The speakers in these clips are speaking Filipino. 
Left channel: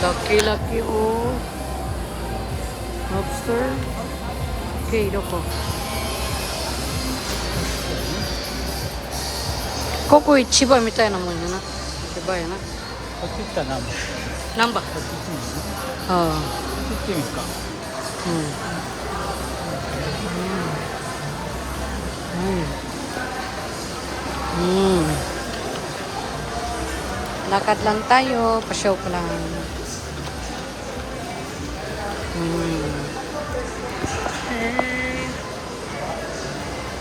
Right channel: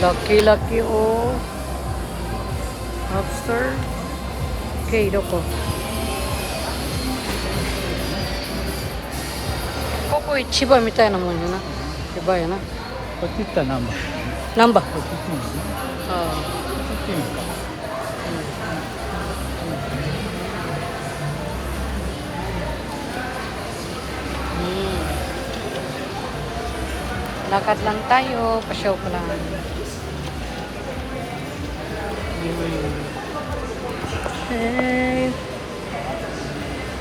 Laki-laki oh. Lobster. Okay, doko. Koko ichiba mitai na mo yun na. Iba yun na. こっち行ったら何番？ Namba? こっち行ってみる？ Oo. こっち行ってみるか。 Lakad lang tayo, pasyaw ko lang. Hey.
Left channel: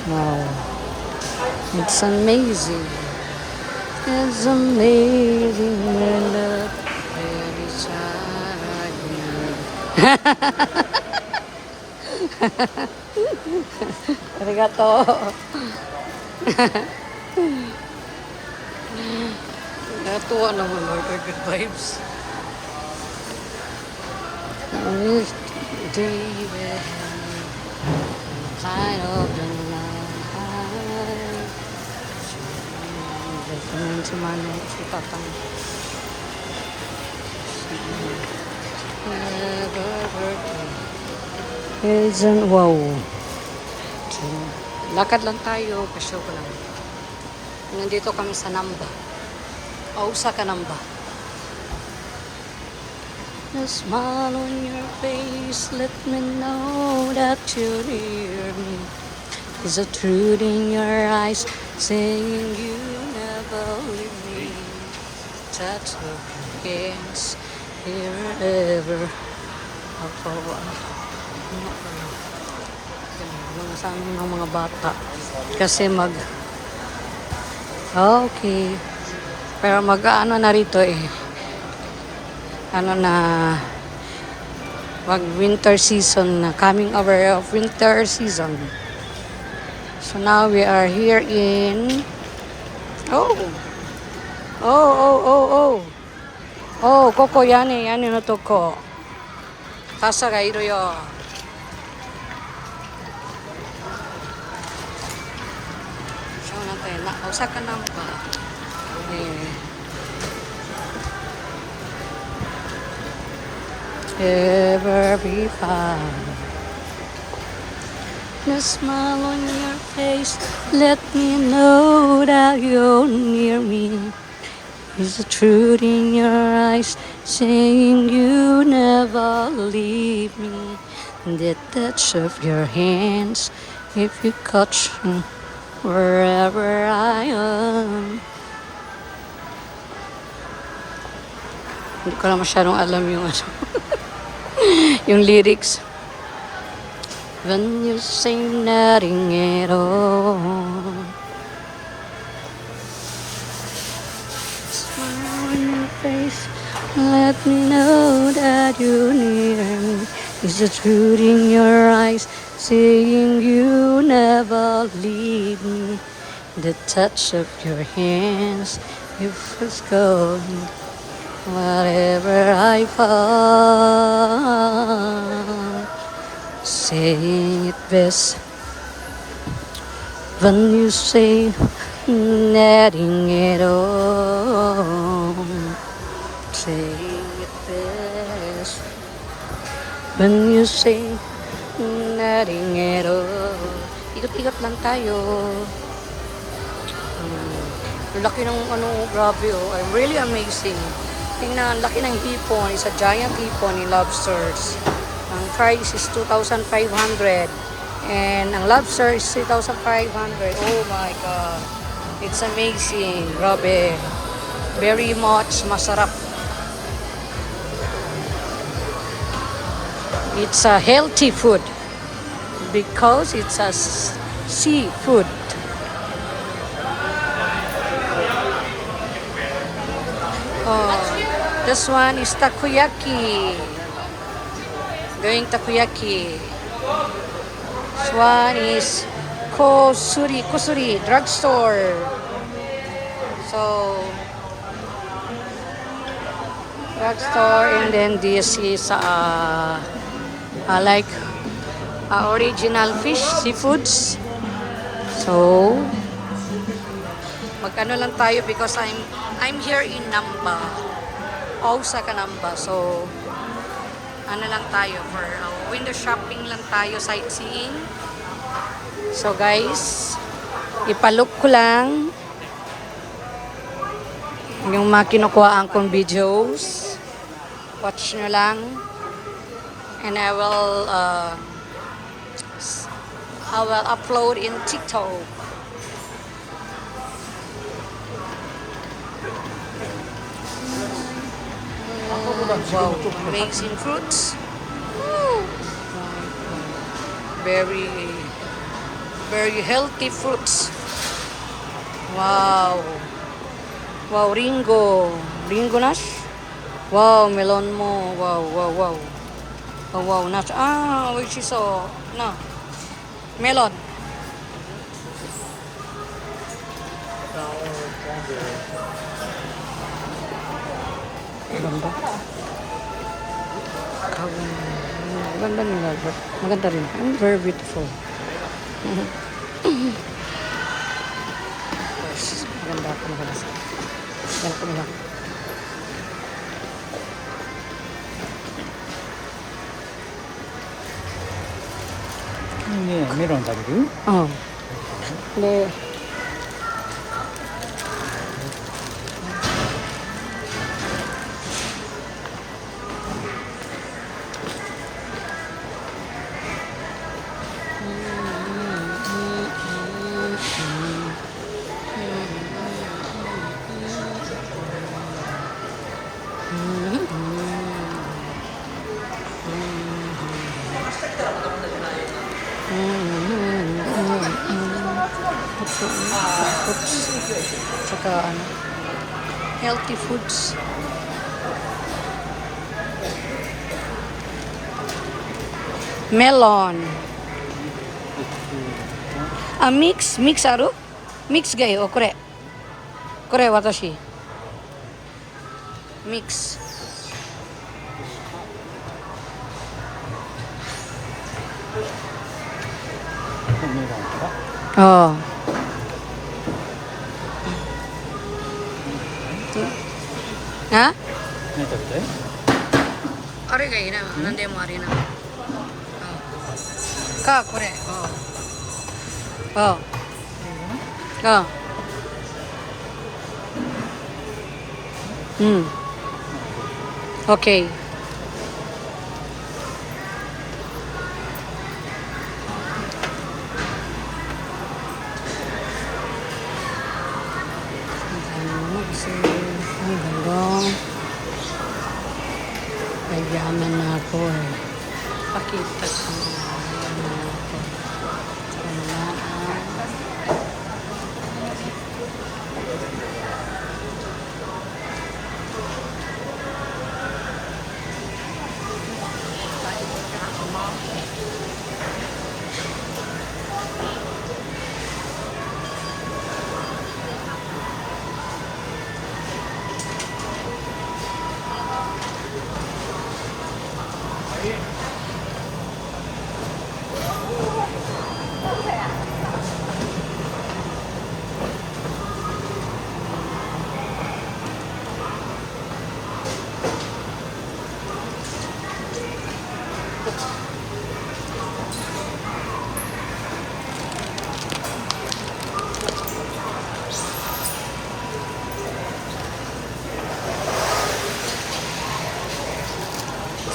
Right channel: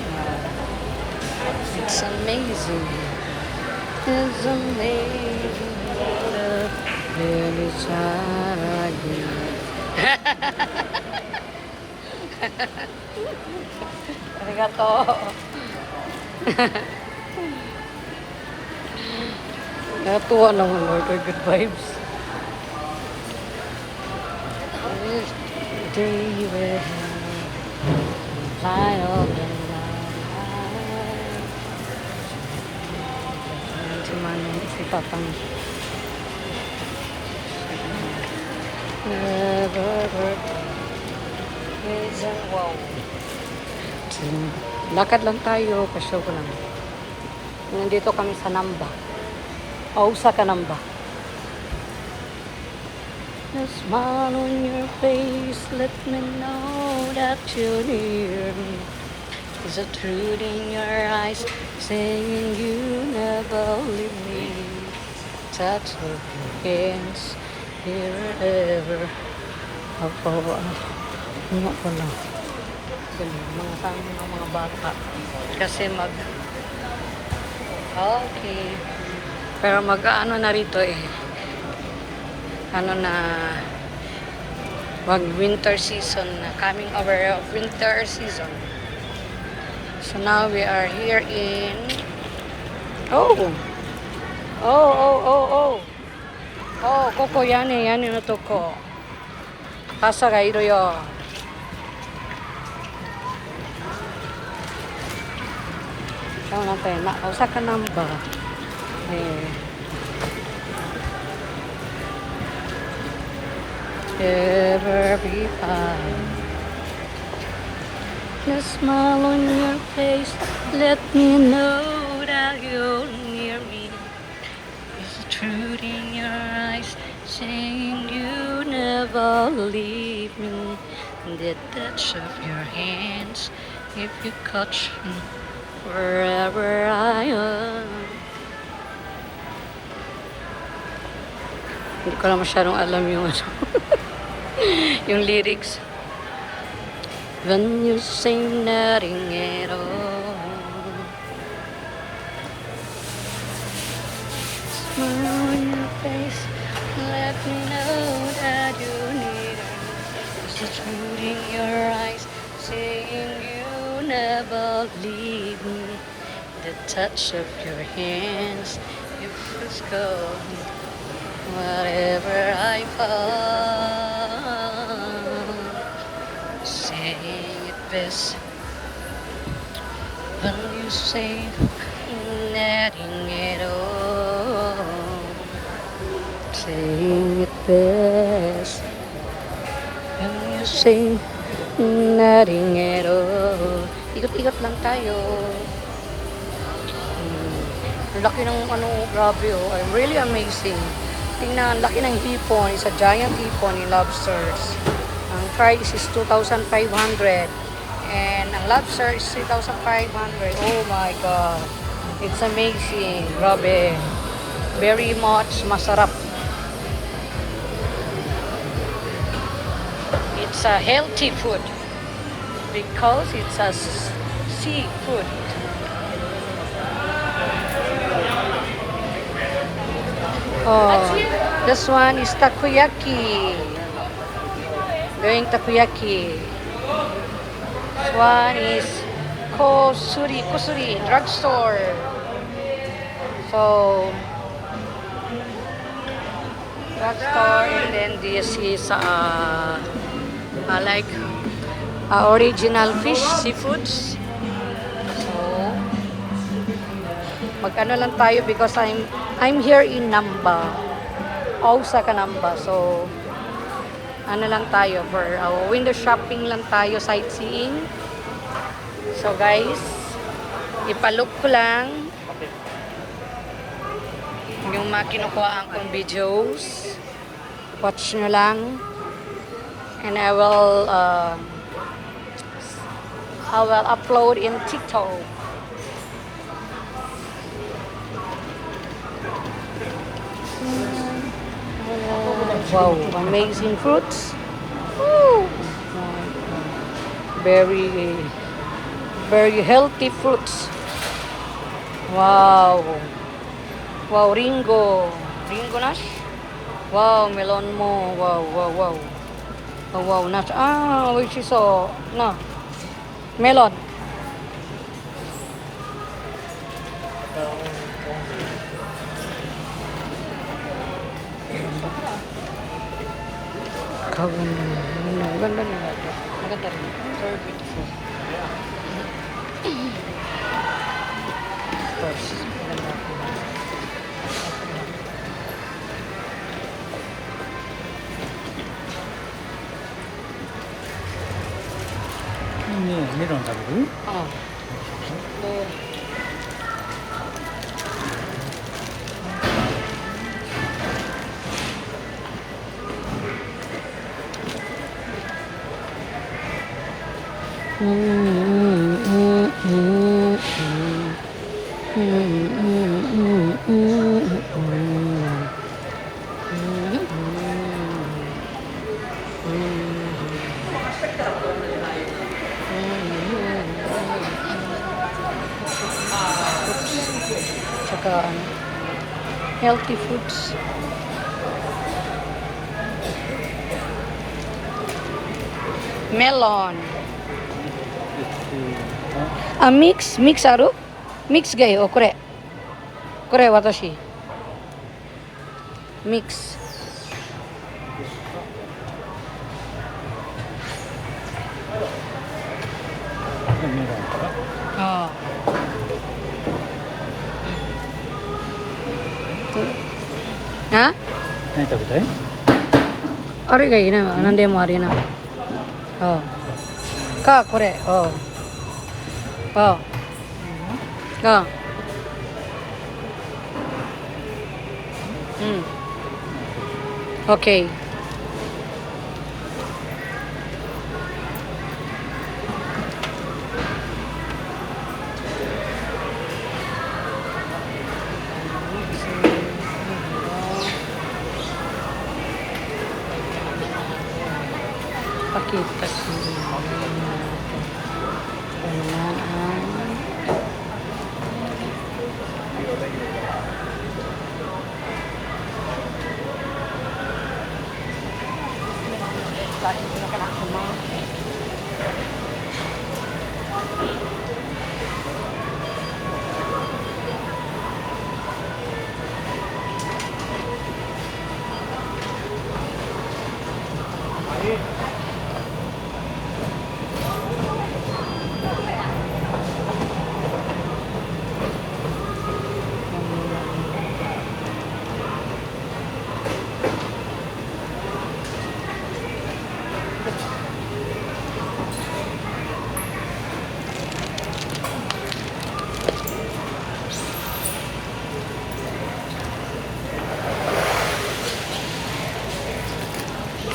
Wow. It's amazing. It's amazing love every side you. Arigato. Natuwa naman, Lord. Good vibes. David, light of the night. Si Manong, si Tatang. Never isn't wow. Lakad lang tayo, pasyaw ko lang. Nandito kami sa Namba. Ausa ka Namba. The smile on your face, let me know that you're near me. There's a truth in your eyes, saying you never leave me. Touch of your hands, here ever. Ako, ano pala? Ganun, mga sa amin ng mga bata. Kasi okay. Pero mag-ano na rito eh. Ano na, wag winter season na, coming over of winter season. So now we are here in, oh, koko yani no toko. Kasa ga iru yo. So natin, Osaka Namba. Ever be fine. The smile on your face, let me know that you're near me. Is the truth in your eyes, saying you never leave me. The touch of your hands, if you catch me wherever I am. Hindi ko na masyadong alam yung ano. Yung lyrics. When you sing nothing at all, smile on your face, let me know that you're near me. Is the truth in your eyes, saying you never leave me. The touch of your hands, you first go. Whatever I found, say it best. When you say nothing at all, say it best. When you say nothing at all. Ikot-ikot lang tayo. Laki ng ano, grabe oh. I'm really amazing. Tingnan, laki ng hipon. It's a giant hipon in lobsters. Ang price is 2,500. And ang lobster is 3,500. Oh my God. It's amazing. Grabe. Very much masarap. It's a healthy food. Because it's a seafood. Oh, this one is takoyaki. Doing takoyaki. This one is kusuri, drugstore. So, drugstore, and then this is like original fish, seafoods. So, mag-ano lang tayo because I'm here in Namba. Ausa Kanamba. So, ano lang tayo for window shopping lang tayo, sightseeing. So guys, ipalook ko lang yung mga kinukuhaan kong videos. Watch nyo lang. And I will upload in TikTok. Wow, amazing fruits. Woo. Very, very healthy fruits. Wow. Wow, Ringo. Ringo nas? Wow, melon mo. Wow, wow, wow. Oh, wow, nuts. Ah, which is no. Melon. Ganda. Kawin. Maganda nila. Maganda rin. Very beautiful. Of course, maganda ako naman sa. Yan po lang.ねメロン食べる？Oh. Ne. Tsaka ano, healthy foods. Melon. Ah, mix aru? Mix gayo, kore. Kore watashi. Mix. メロンから。 Oh. Ha? 何食べたい？ Ari ga ina, nande mo ari na. Oh. Ka kore. Oh. Oh. Oh. Okay. Kailangan ako pakita ko natin. Kailangan ang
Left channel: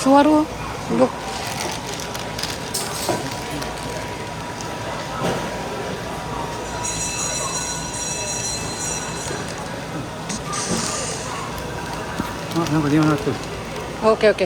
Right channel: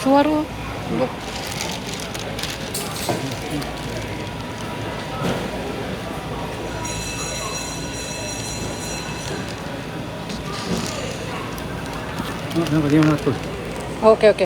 suara look. Ah, なんか電話鳴っとる。 Okay, okay.